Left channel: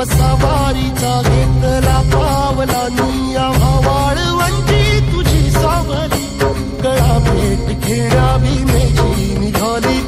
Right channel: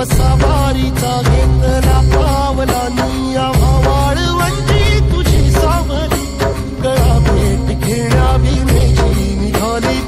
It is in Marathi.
वसा वारीचा घेतला पावलानी आम्हा वाळवंटी तुझी सावली गळा भेट घेण्या भीमेची निघाली